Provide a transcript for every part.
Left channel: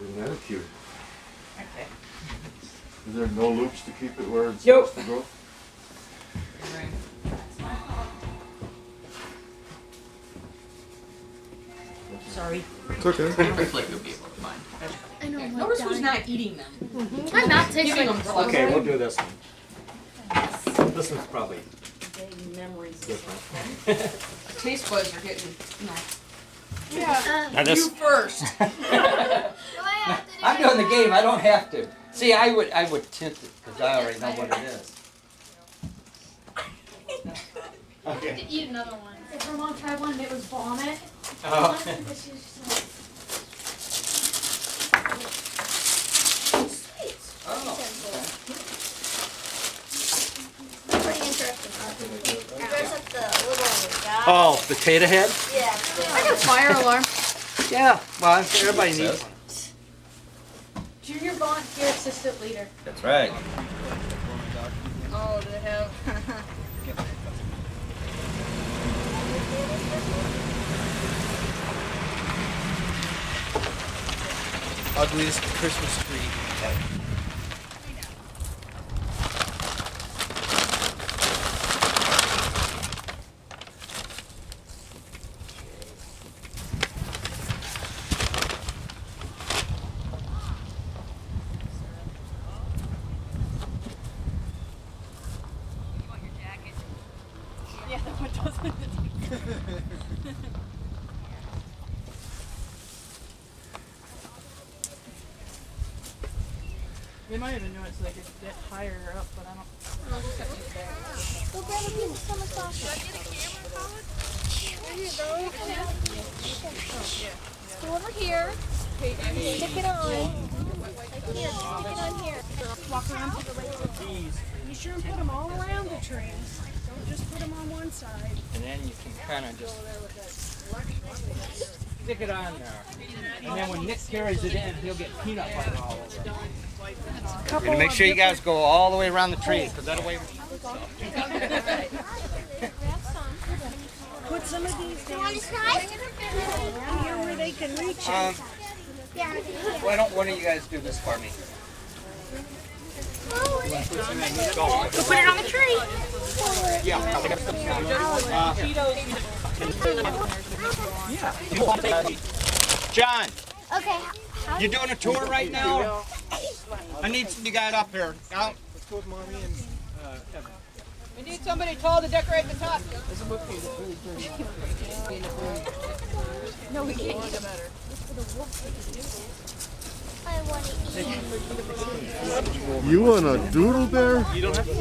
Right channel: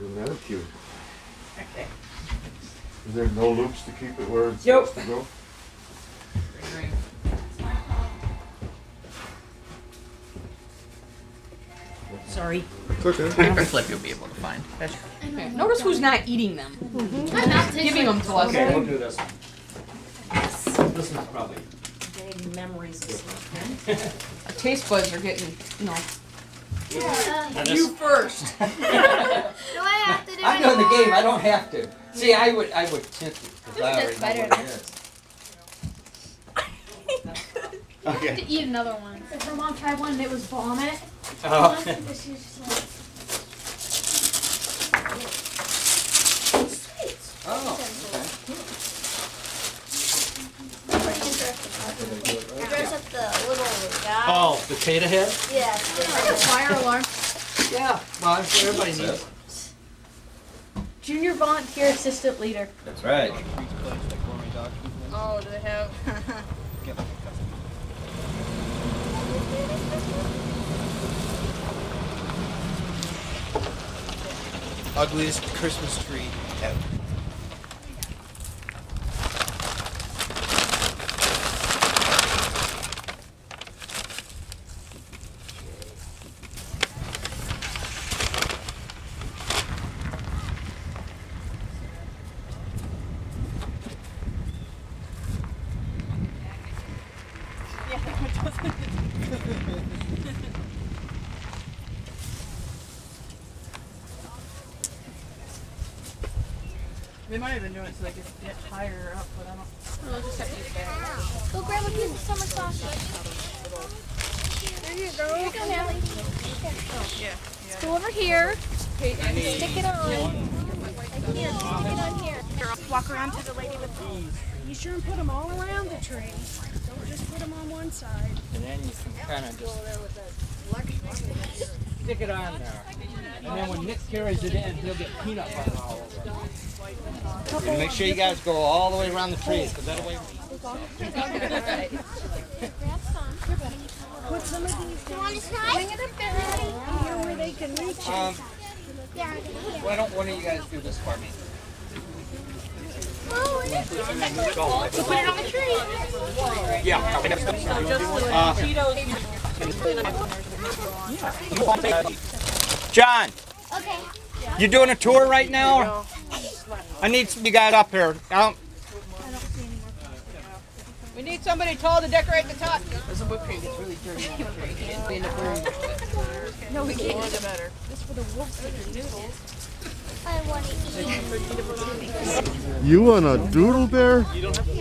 Isn't that cute? Okay. Is there no loops to keep it where it's Nope. supposed to go? Sorry. It's okay. Looks like you'll be able to find. Okay. Notice who's not eating them. I'm not Giving them to us. Okay, we'll do this one. This one's probably. Vague memories of something. Our taste buds are getting, Now you first. Do I have to do I'm it? doing the game. I don't have to. See, I would tint it because I already know what it is. I have to eat another one. If her mom tried one and it was vomit. Oh. Oh. Pretty interesting. Dress up the little guy. Oh, potato head? Yeah. Fire alarm. Yeah. Well, everybody needs. Junior volunteer assistant leader. That's right. Oh, do they have? Ugliest Christmas tree ever. Yeah, that one doesn't. They might have been doing it so they could get higher up, but I don't. I'll just have to use that. Go grab a piece of summer sausage. There you go. Yeah. Go over here. Hey, Andy. Stick it on. Like here. Stick it on here. Walk around to the lady with the bees. Be sure and put them all around the tree. Don't just put them on one side. And then you can kind of just stick it on there. And then when Nick carries it in, he'll get peanut butter all over it. And make sure you guys go all the way around the tree, because that'll way. Put some of these down Want to try? here where they can reach it. Yeah. Why don't one of you guys do this for me? Oh, it is. Put it on the tree. Yeah. John, Okay. you doing a tour right now? I need you guys up here. We need somebody tall to decorate the top. No, we can't eat them. I want to eat. You want a doodle bear?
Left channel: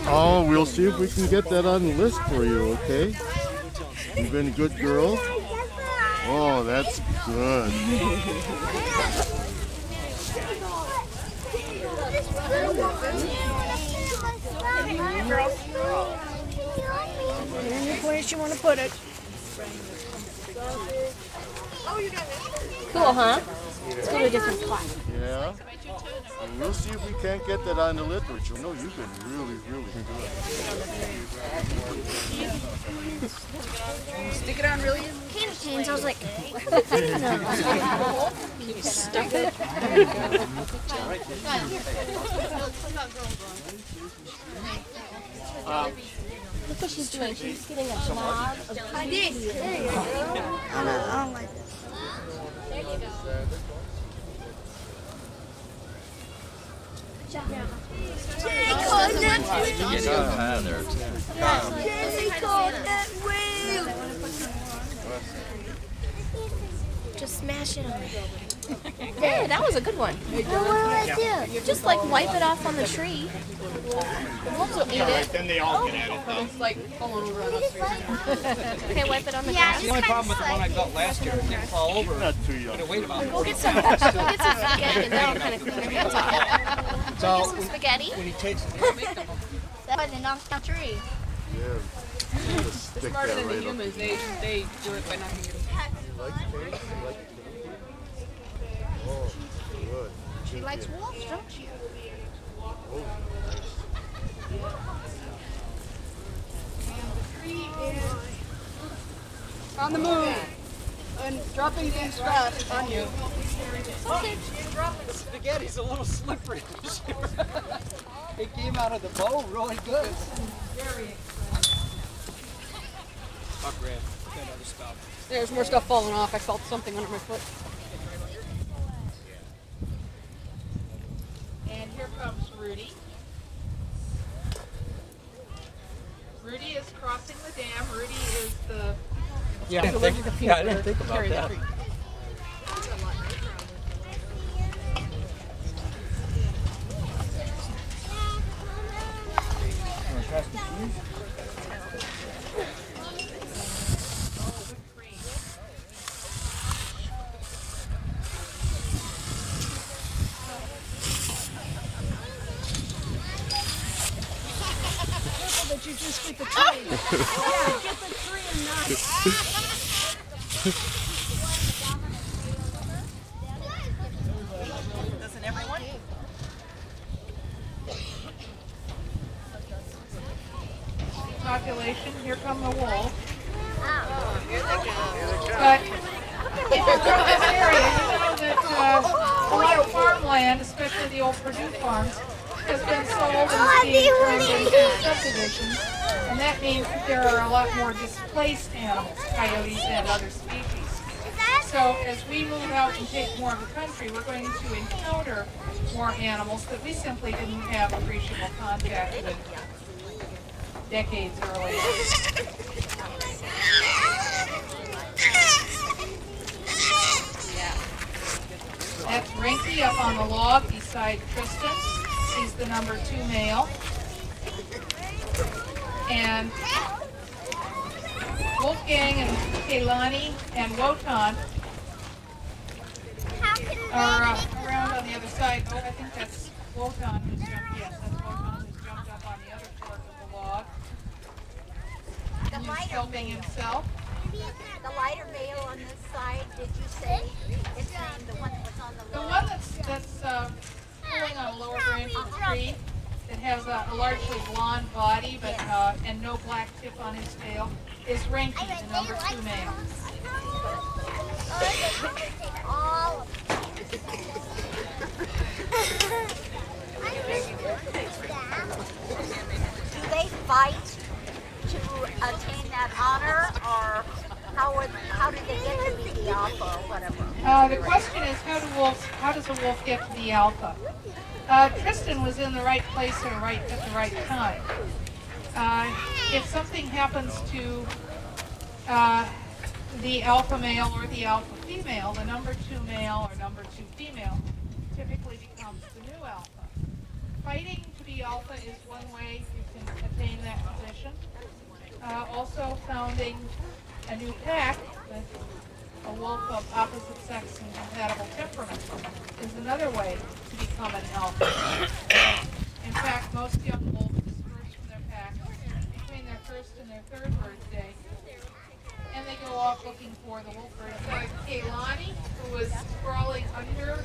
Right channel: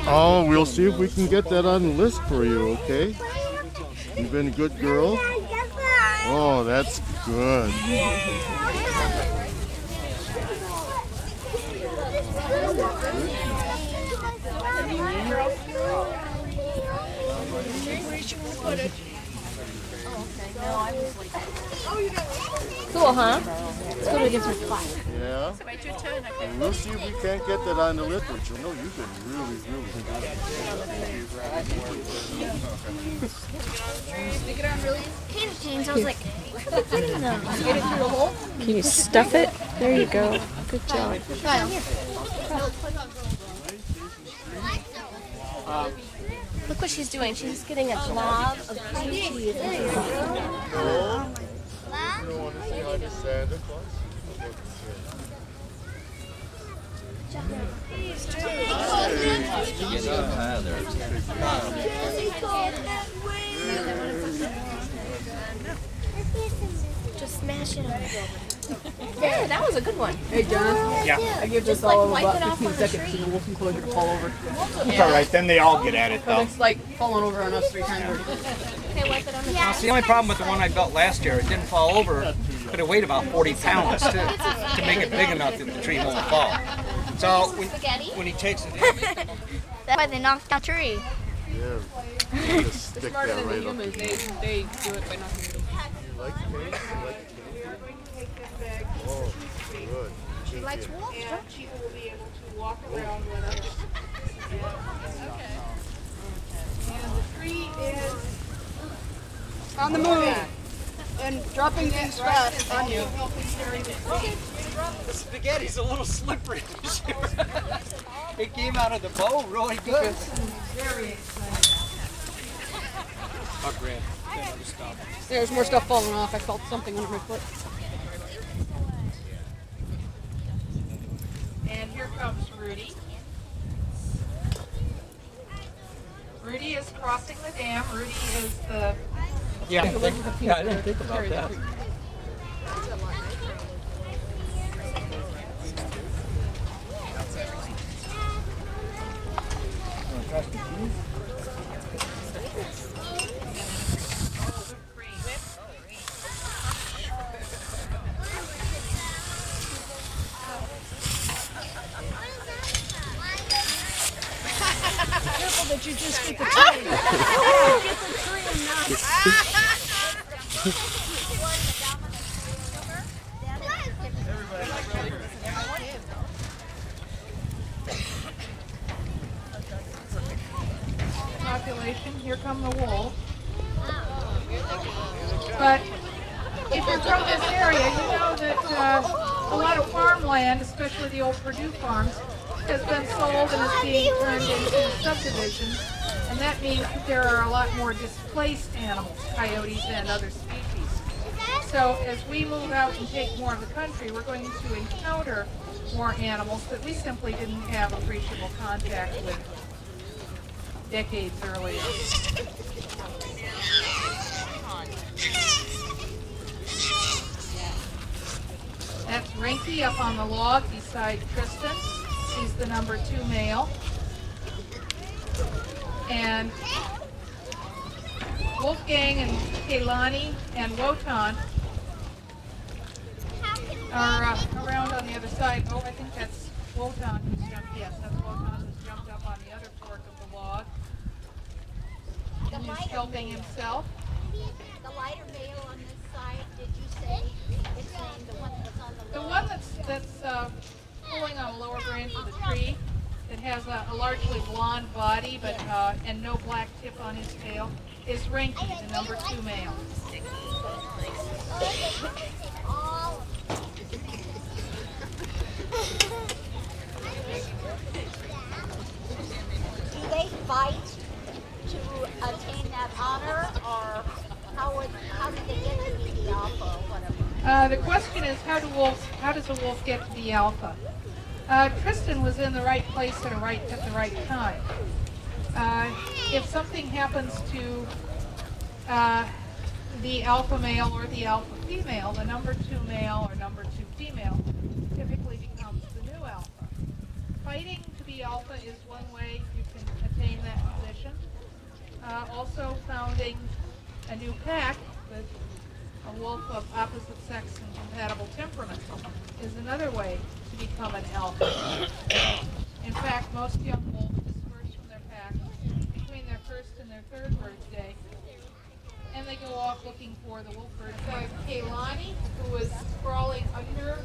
Oh, we'll see if we can get that on the list for you, okay? You've been a good girl? Oh, that's good. Where do you want to put it? Cool, huh? Let's go to a different spot. Yeah? And we'll see if we can't get that on the list, which you know you've been really, really good. Stick it on really easy. Candy canes. I was like, where am I getting those? Get it through a hole. Can you stuff it? There you go. Good job. Look what she's doing. She's getting a blob of candy. There you go. Just smash it on. Yeah, that was a good one. Hey, yeah. Just like wipe it off on the tree. It's all right, then they all get at it though. It's like falling over on us 3 times. Okay, wipe it on the That's the only problem with the one I built last year. It didn't fall over, but it weighed about 40 pounds too, to make it big enough that the tree won't fall. So Spaghetti? when he takes it, That's why they knocked down the tree. There. Just stick Smarter that than the right up. humans, they do it by knocking it. You like cake? You like cake? Oh, good. She likes wolves, don't she? On the move. and dropping things fast on you. The spaghetti's a little slippery. It came out of the bowl really good. Very exciting. I'll grab that other stuff. There's more stuff falling off. I felt something under my foot. And here comes Rudy. Rudy is crossing the dam. Rudy is the Yeah, I didn't think about that. Careful that you just get the tree. Yeah, get the tree and not. population. Here come the wolves. But if you're from this area, you know that a lot of farmland, especially the old Purdue farms, has been sold and is being turned into subdivisions. And that means that there are a lot more displaced animals, coyotes and other species. So as we move out and take more of the country, we're going to encounter more animals that we simply didn't have appreciable contact with decades earlier. That's Rinky up on the log beside Tristan. He's the number 2 male. And Wolfgang and Kaylani and Wotan are around on the other side. Oh, I think that's Wotan who's jumped. Yes, that's Wotan who's jumped up on the other fork of the log. And he's helping himself. The lighter male on this side, did you say it's named the one that's on the The one that's pulling on a lower branch of the tree, that has a largely blonde body but and no black tip on his tail, is Rinky, the number 2 male. Do they fight to attain that honor, or how do they get to be the alpha or whatever? The question is, how does a wolf get to the alpha? Tristan was in the right place at the right time. If something happens to the alpha male or the alpha female, the number 2 male or number 2 female typically becomes the new alpha. Fighting to be alpha is one way you can attain that position. Also founding a new pack with a wolf of opposite sex and compatible temperament is another way to become an alpha. In fact, most young wolves disperse from their pack between their first and their third birthday, and they go off looking for the wolf bird. So Kaylani, who was crawling under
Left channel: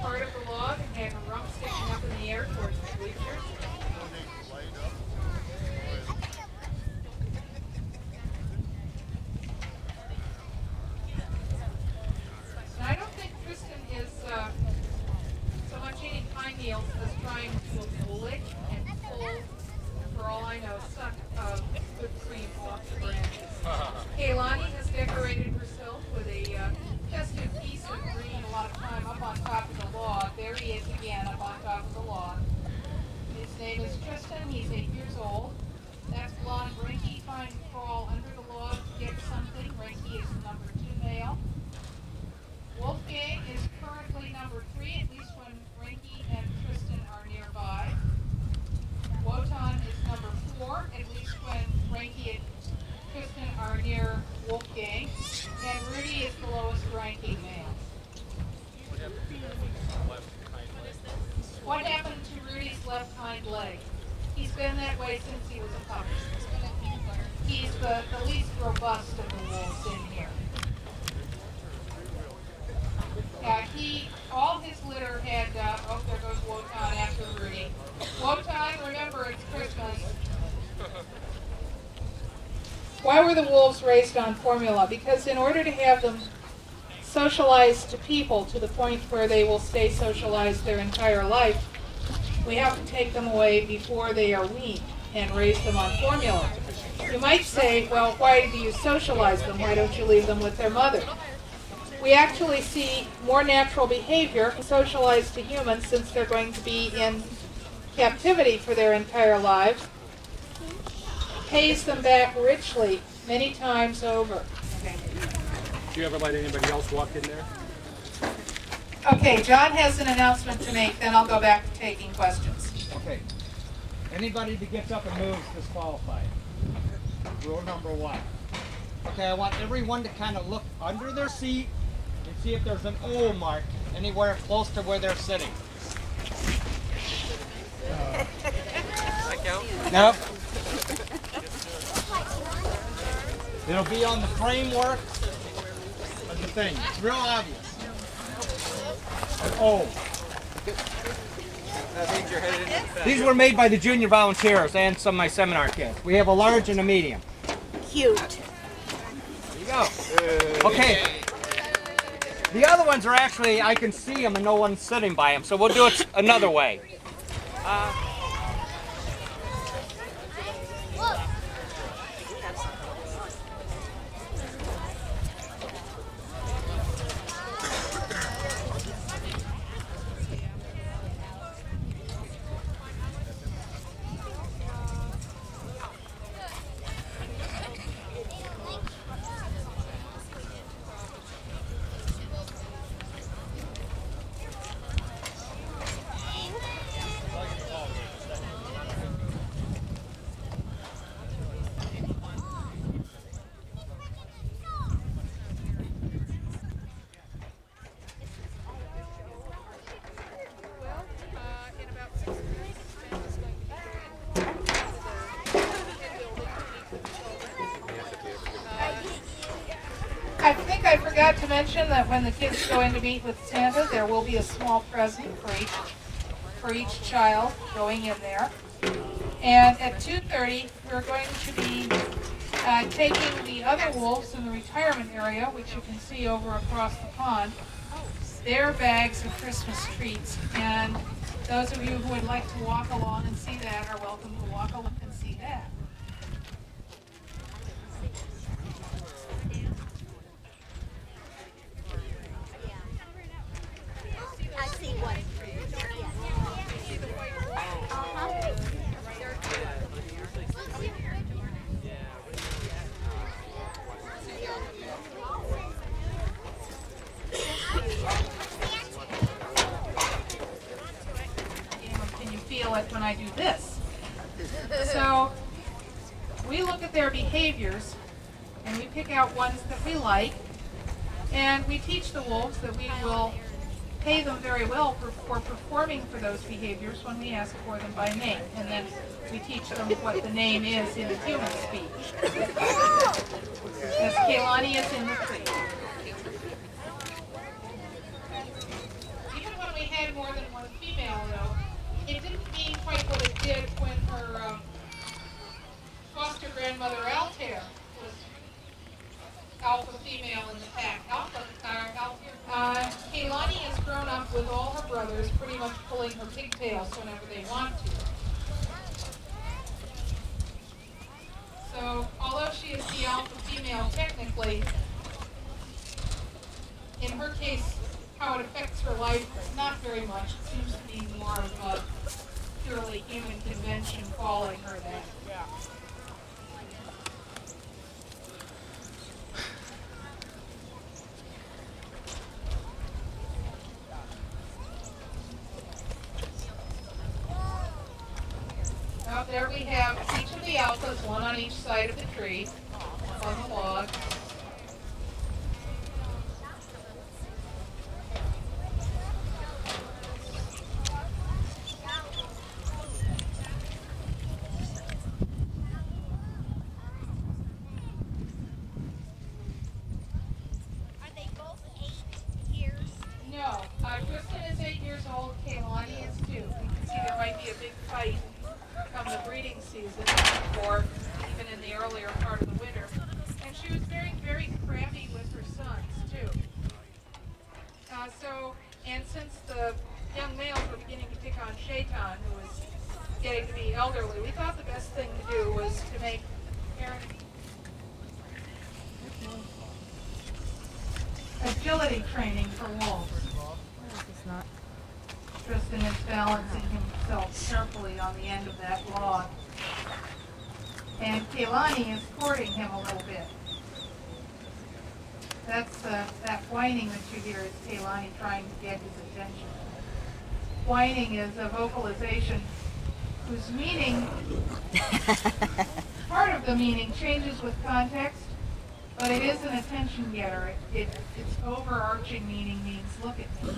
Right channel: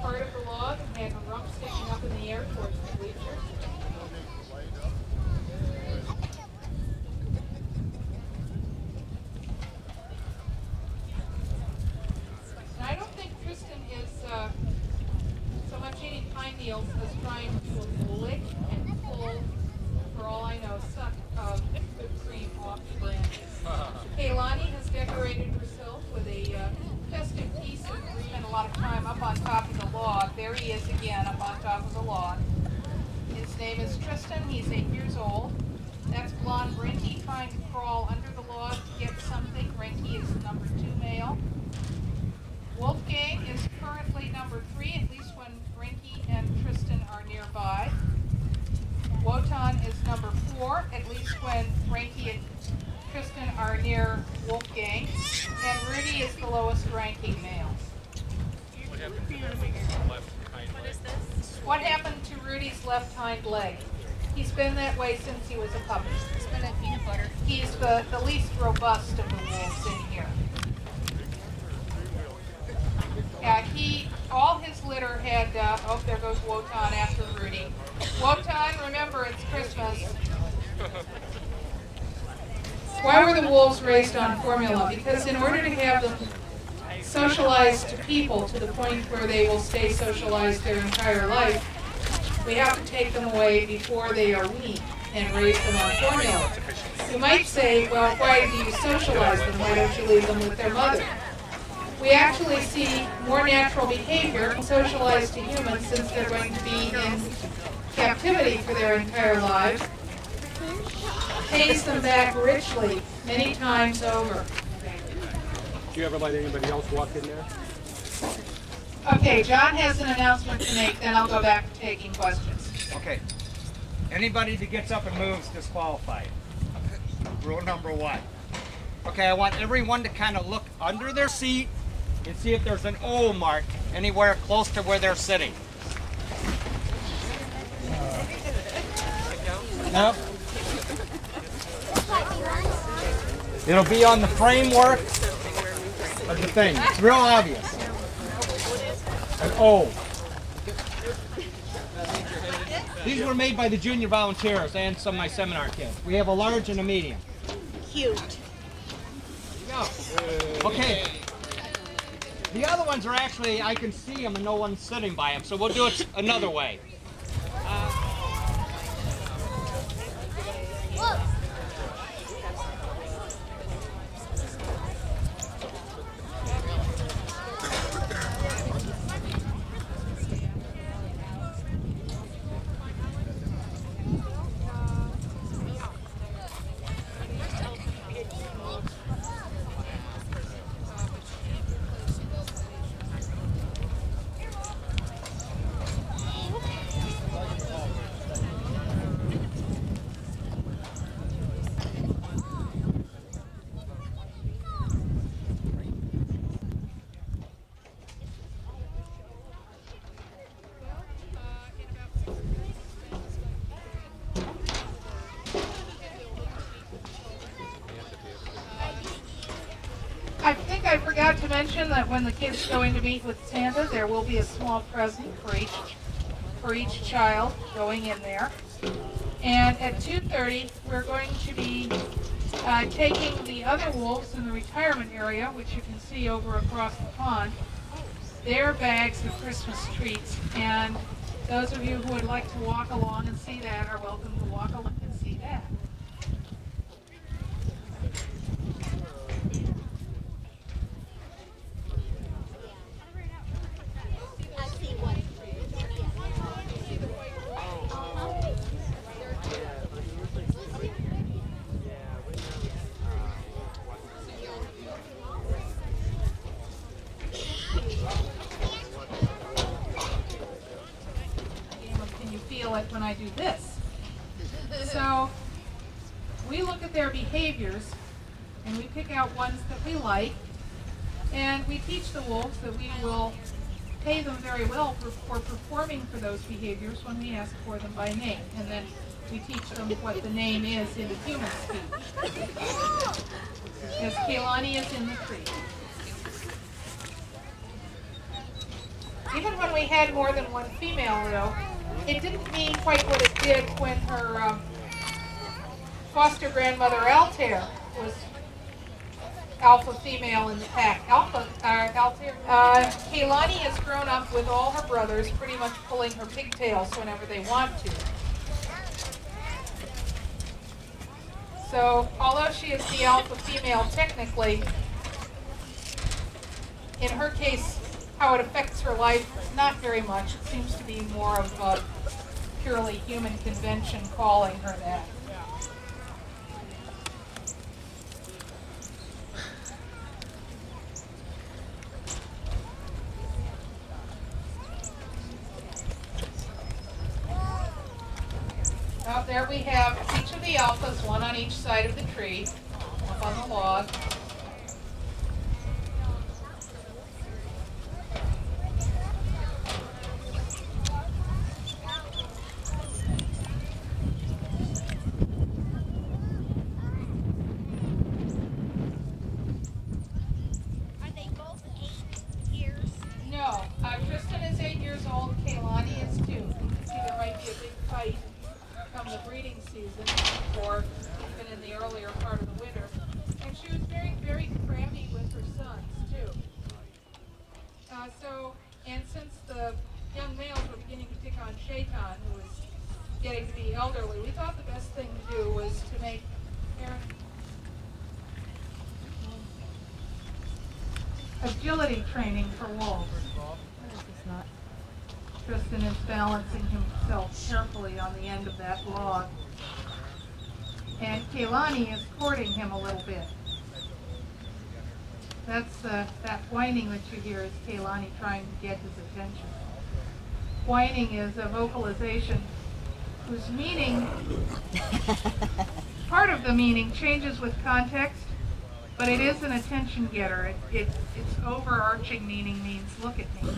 part of the log and had her rump sticking up in the air towards the bleachers. I don't think Tristan is so much eating pine needles as trying to lick and pull, for all I know, suck whipped cream off the branches. Kaylani has decorated herself with a festive piece of green a lot of time up on top of the log. There he is again up on top of the log. His name is Tristan. He's 8 years old. That's blonde Rinky trying to crawl under the log to get something. Rinky is the number 2 male. Wolfgang is currently number 3, at least when Rinky and Tristan are nearby. Wotan is number 4, at least when Rinky and Tristan are near Wolfgang. And Rudy is the lowest ranking male. What happened to Rudy's left hind leg? He's been that way since he was a puppy. He's the least robust of the wolves in here. All his litter had, oh, there goes Wotan after Rudy. Wotan, remember, it's Christmas. Why were the wolves raised on formula? Because in order to have them socialized to people to the point where they will stay socialized their entire life, we have to take them away before they are weaned and raise them on formula. You might say, well, why do you socialize them? Why don't you leave them with their mother? We actually see more natural behavior socialized to humans since they're going to be in captivity for their entire lives, pays them back richly many times over. Do you ever let anybody else walk in there? Okay, John has an announcement to make, then I'll go back to taking questions. Okay. Anybody that gets up and moves disqualified. Rule number 1. Okay, I want everyone to kind of look under their seat and see if there's an O mark anywhere close to where they're sitting. Nope. It'll be on the framework of the thing. It's real obvious. An O. These were made by the junior volunteers and some of my seminar kids. We have a large and a medium. Cute. There you go. Okay. The other ones are actually, I can see them and no one's sitting by them, so we'll do it another way. I think I forgot to mention that when the kids are going to meet with Santa, there will be a small present for each child going in there. And at 2:30, we're going to be taking the other wolves in the retirement area, which you can see over across the pond, their bags of Christmas treats. And those of you who would like to walk along and see that are welcome to walk along and see that. I see one. Can you feel it when I do this? So we look at their behaviors and we pick out ones that we like, and we teach the wolves that we will pay them very well for performing for those behaviors when we ask for them by name. And then we teach them what the name is in human speech. As Kaylani is in the tree. Even when we had more than one female, though, it didn't mean quite what it did when her foster grandmother Altair was alpha female in the pack. Kaylani has grown up with all her brothers pretty much pulling her pigtails whenever they want to. So, although she is the alpha female technically, in her case, how it affects her life, not very much. It seems to be more of a purely human convention calling her that. Now there we have each of the alphas, one on each side of the tree, up on the log. Are they both 8 years? No, Tristan is 8 years old, Kaylani is 2. You can see there might be a big fight come the breeding season, or even in the earlier part of the winter. And she was very, very crabby with her sons, too. And since the young males were beginning to pick on Shaitan, who was getting to be elderly, we thought the best thing to do was to make Aaron agility training for wolves. Tristan is balancing himself carefully on the end of that log. And Kaylani is courting him a little bit. That's that whining that you hear is Kaylani trying to get his attention. Whining is a vocalization whose meaning, part of the meaning changes with context, but it is an attention getter. Its overarching meaning means look at me.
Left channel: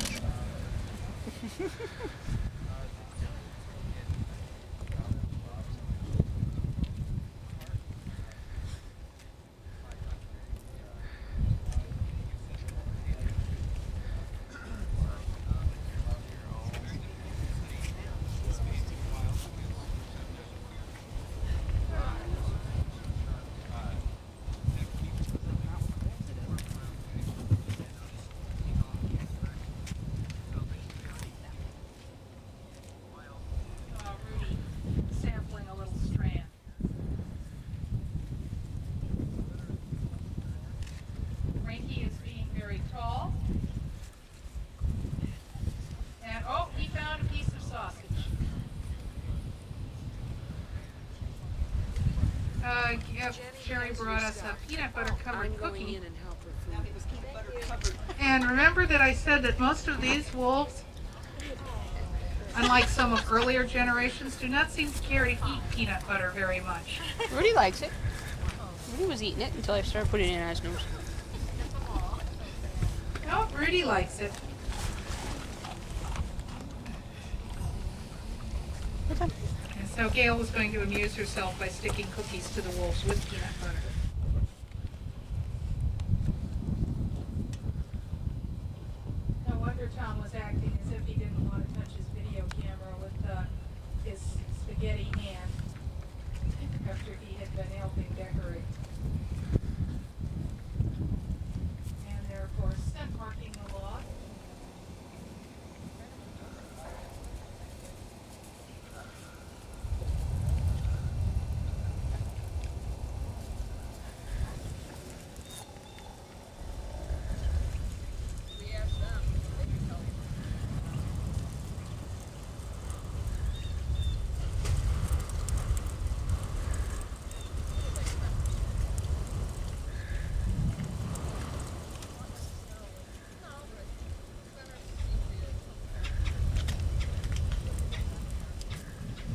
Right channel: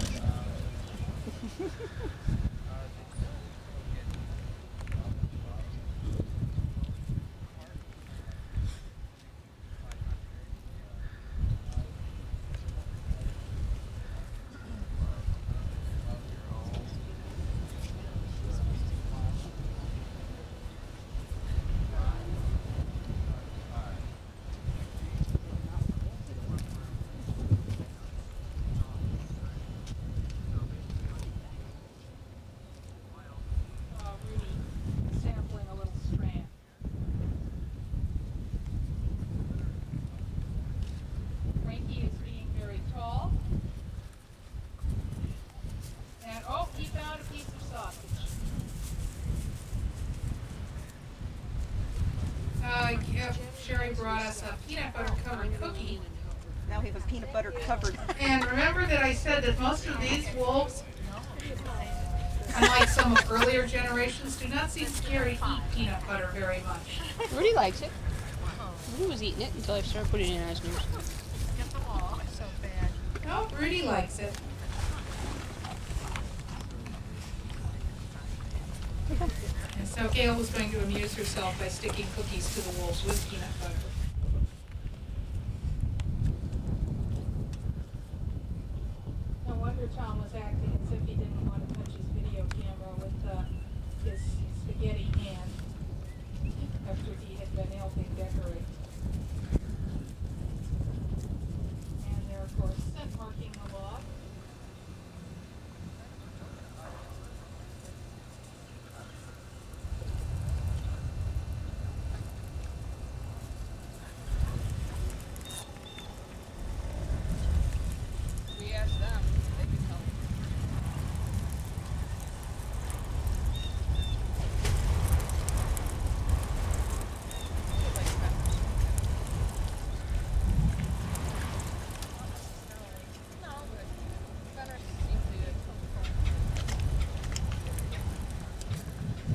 Sherry brought us a peanut butter covered cookie. Now he was peanut butter covered. And remember that I said that most of these wolves, unlike some of earlier generations, do not seem scared to eat peanut butter very much. Rudy likes it. Rudy was eating it until I started putting it in his mouth. No, Rudy likes it. And so Gail was going to amuse herself by sticking cookies to the wolves with peanut butter. No wonder Tom was acting as if he didn't want to touch his video camera with his spaghetti hand after he had been helping decorate. And they're, of course, scent marking the log.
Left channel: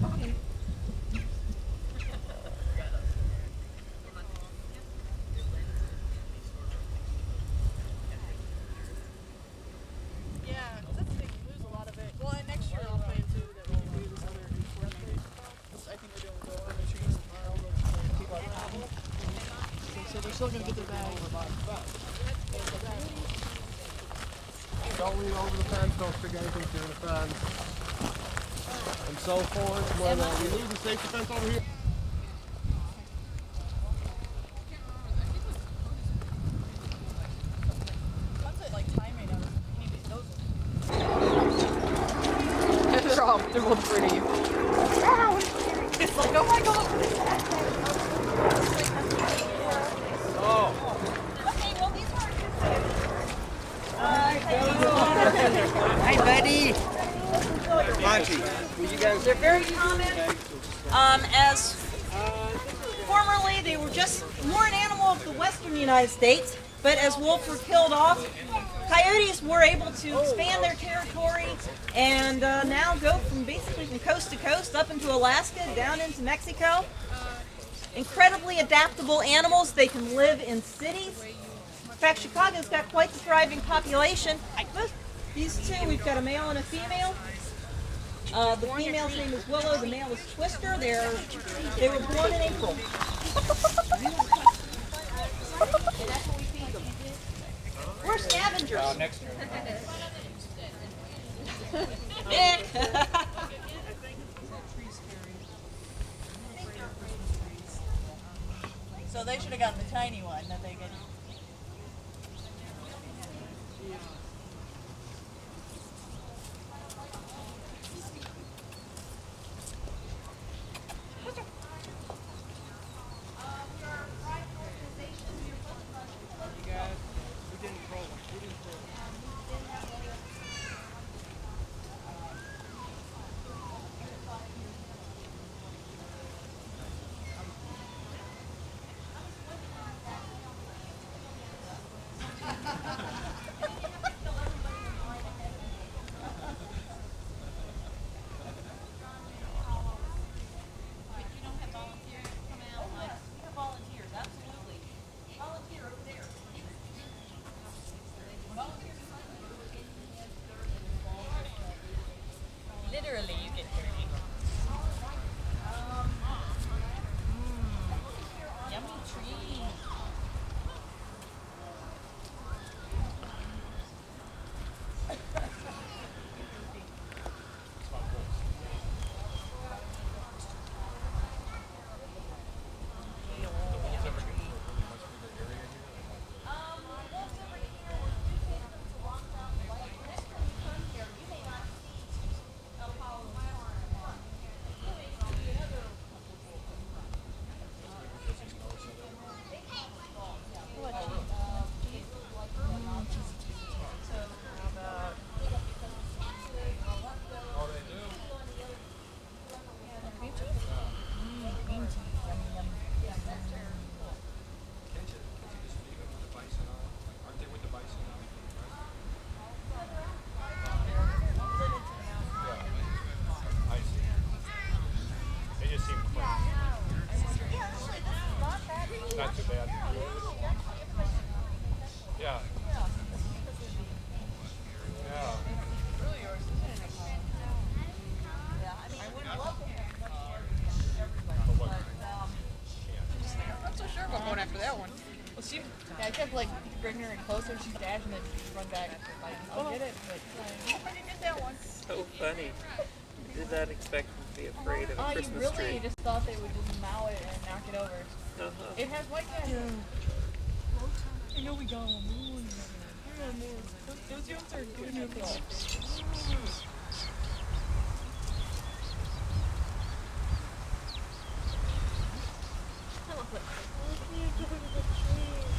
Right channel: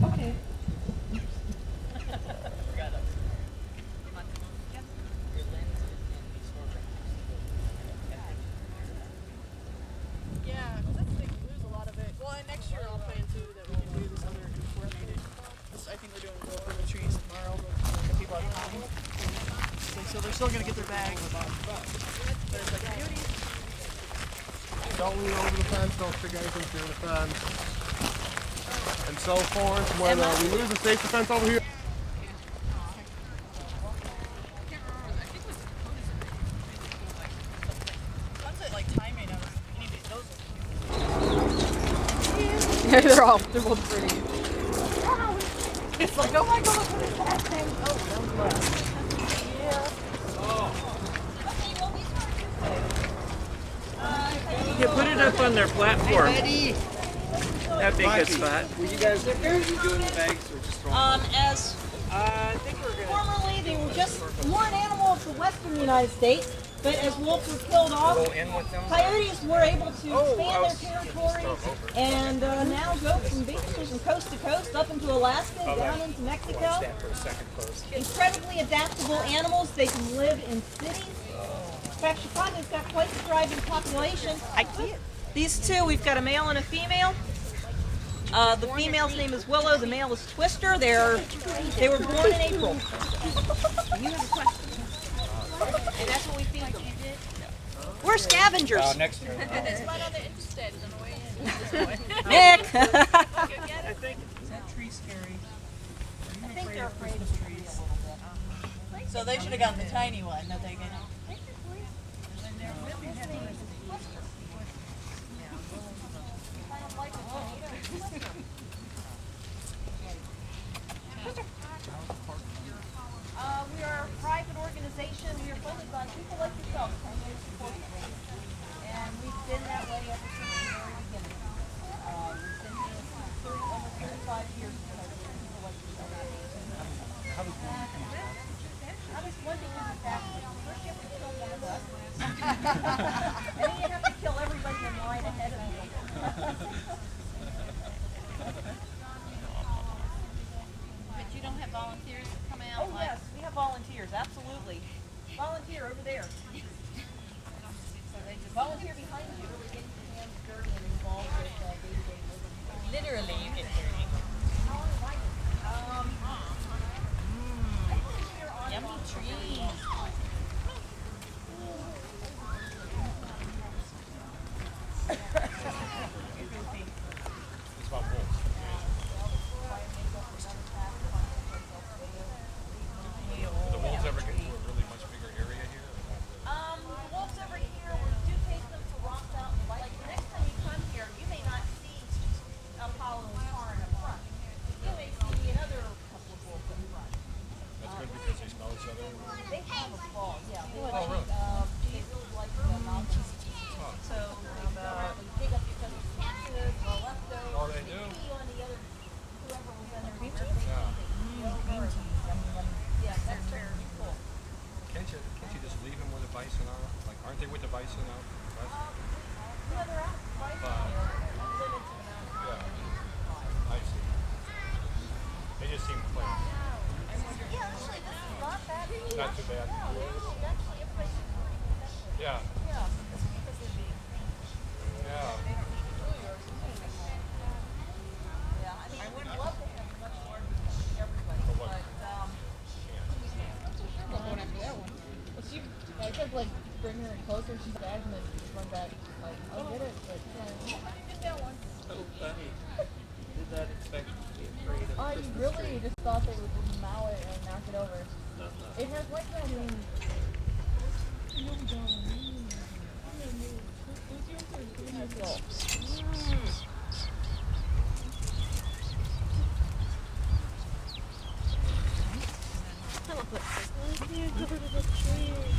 Okay. Yeah, because that's the thing, we lose a lot of it. Well, and next year I'll plan too that we can do this other coordinated. I think we're doing go over the trees tomorrow. People are coming. So they're still going to get their bags. Don't lean over the fence, don't stick anything through the fence. And so forth. When we lose the safety fence over here. They're both pretty. It's like, oh my god, what is that thing? You put it up on their platform. Hi, buddy. That'd be a good spot. Were you guys doing the bags? As formerly, they were just more an animal of the western United States, but as wolves were killed off, coyotes were able to expand their territory and now go basically from coast to coast up into Alaska, down into Mexico. Incredibly adaptable animals. They can live in cities. In fact, Chicago's got quite the thriving population. These two, we've got a male and a female. The female's name is Willow, the male is Twister. They were born in April. We're scavengers. Next year. Nick! So they should have gotten the tiny one that they get. have volunteers come out? Oh, yes, we have volunteers, absolutely. Volunteer over there. Volunteer behind you, really getting your hands dirty and involved with day-to-day work. Literally, you get dirty. Yummy trees. Wolves over here, we do take them to Rock Mountain Lake. Next time you come here, you may not see Apollo and Car in the front. You may see another couple of wolves in front. That's good because they smell each other. They have a ball, yeah. They like So, dig up each other's pieces, or leftovers. Oh, they do? See on the other, whoever was in there. Cream cheese? Cream cheese, yummy, yummy. Yeah, that's very cool. Can't you just leave them with the bison out? Like, aren't they with the bison out? No, they're out. They're limited to the mountain. Yeah. I see. They just seem clean. Yeah, actually, this is not bad. Not too bad. No, actually, everybody should pretty good. Yeah. Yeah, this is because they're being. Yeah. Yeah, I mean, I would love to have much larger than everybody, But what? I'm not so sure about going after that one. Well, I kept like bringing her in closer, she'd dash and then she'd run back. Like, I'll get it, but I didn't get that one. So funny. Did not expect you to be afraid of a You Christmas really tree. just thought they would just mow it and knock it over. It has white candles. I know we got one. Those rooms are beautiful. I love that. I can't go to the trees.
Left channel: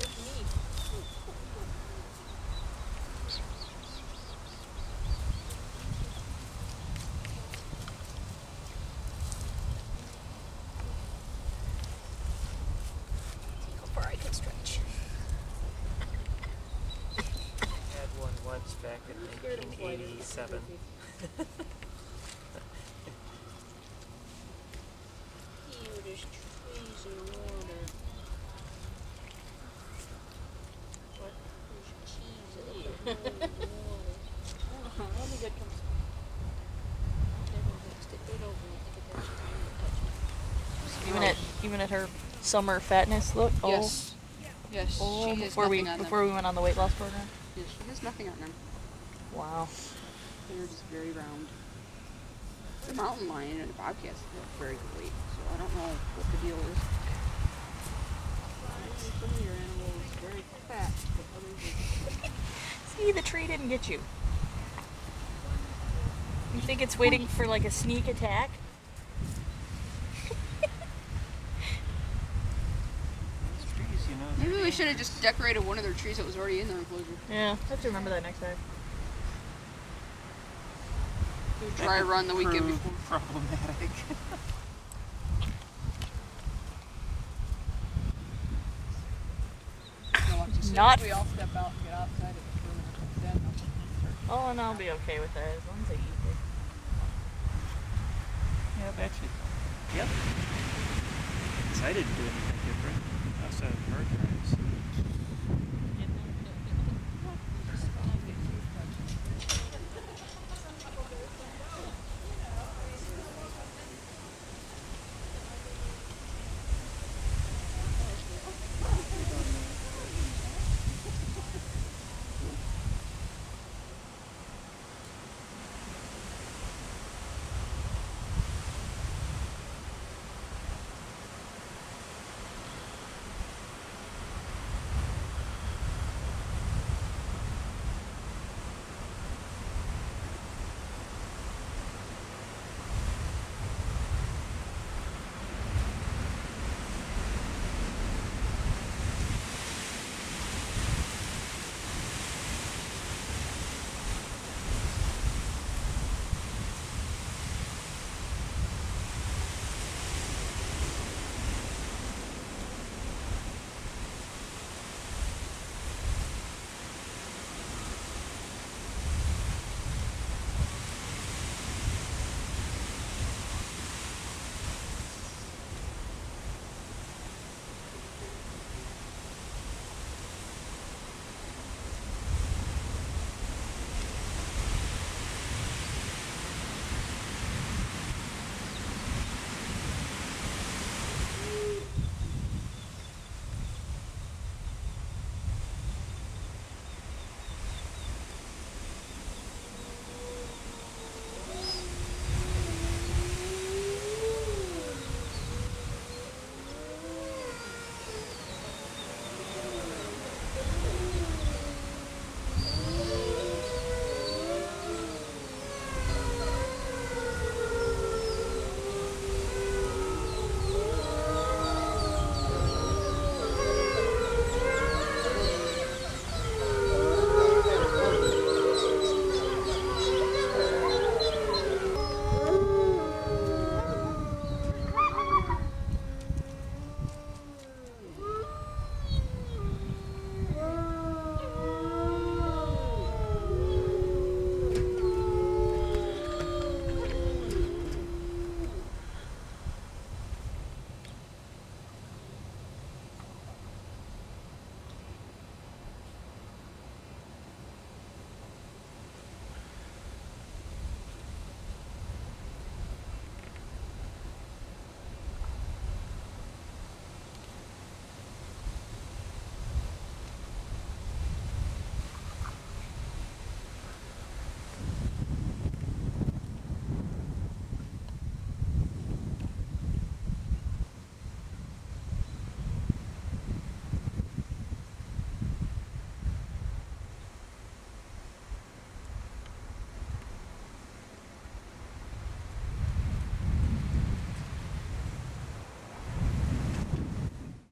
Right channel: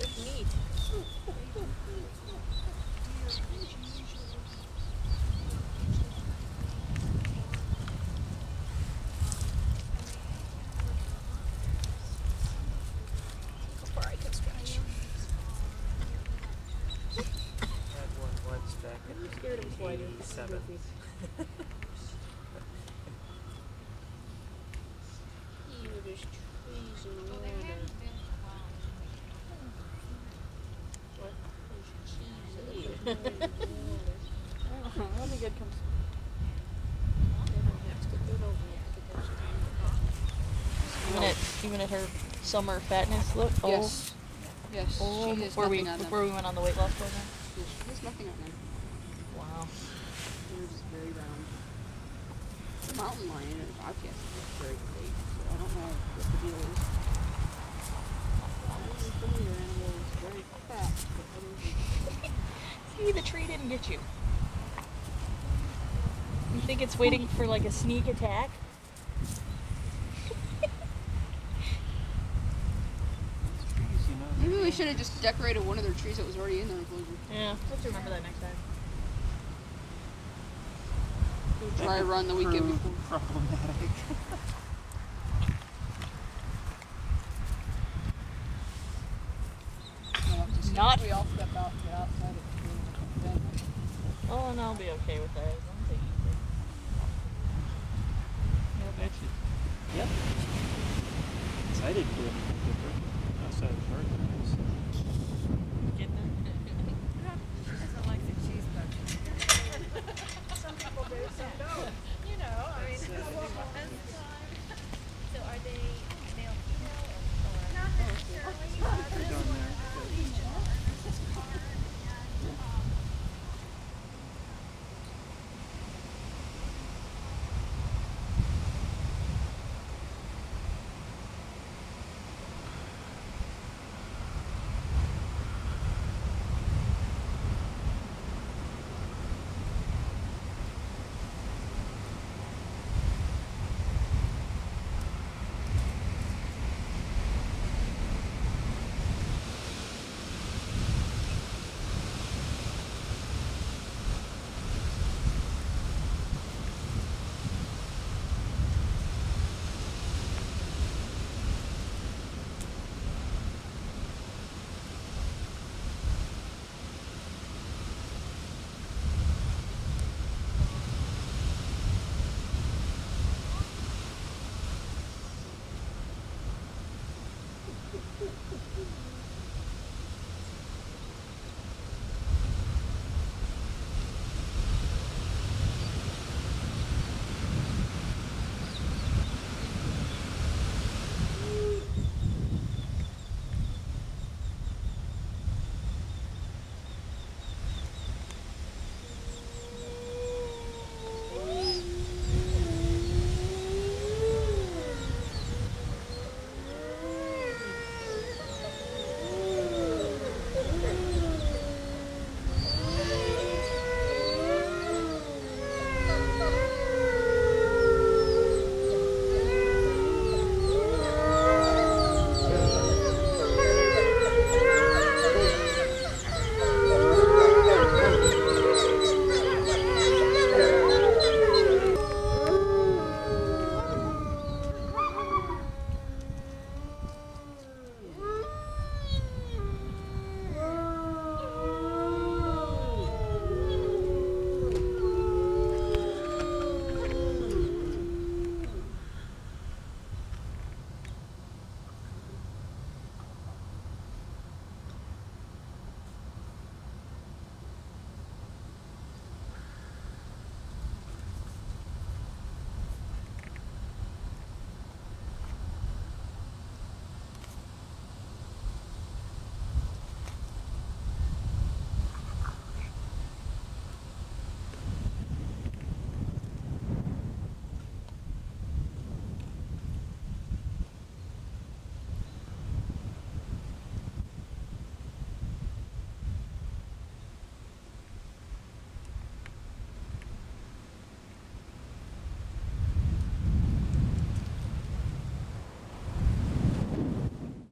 It's neat. How far I can stretch. Had one once back in I'm scared of spiders. 1987. Ew, there's trees in the water. What? There's cheese in the water. That'll be good. Comes. Even at her summer fatness look. Yes. Yes. Oh, she has before we nothing on them. went on the weight loss program. There's nothing on them. Wow. They're just very round. The mountain lion and the bobcat look very big, so I don't know what the deal is. Some of your animals are very fat, but others are... See, the tree didn't get you. You think it's waiting for like a sneak attack? Maybe we should have just decorated one of their trees that was already in their enclosure. Yeah, let's remember that next time. Dry run the weekend before. Problematic. Not. We all step out and get outside of the Oh, and I'll be okay with that as long as I eat it. Yep. Actually, yep. I didn't do anything different outside of Mercury's.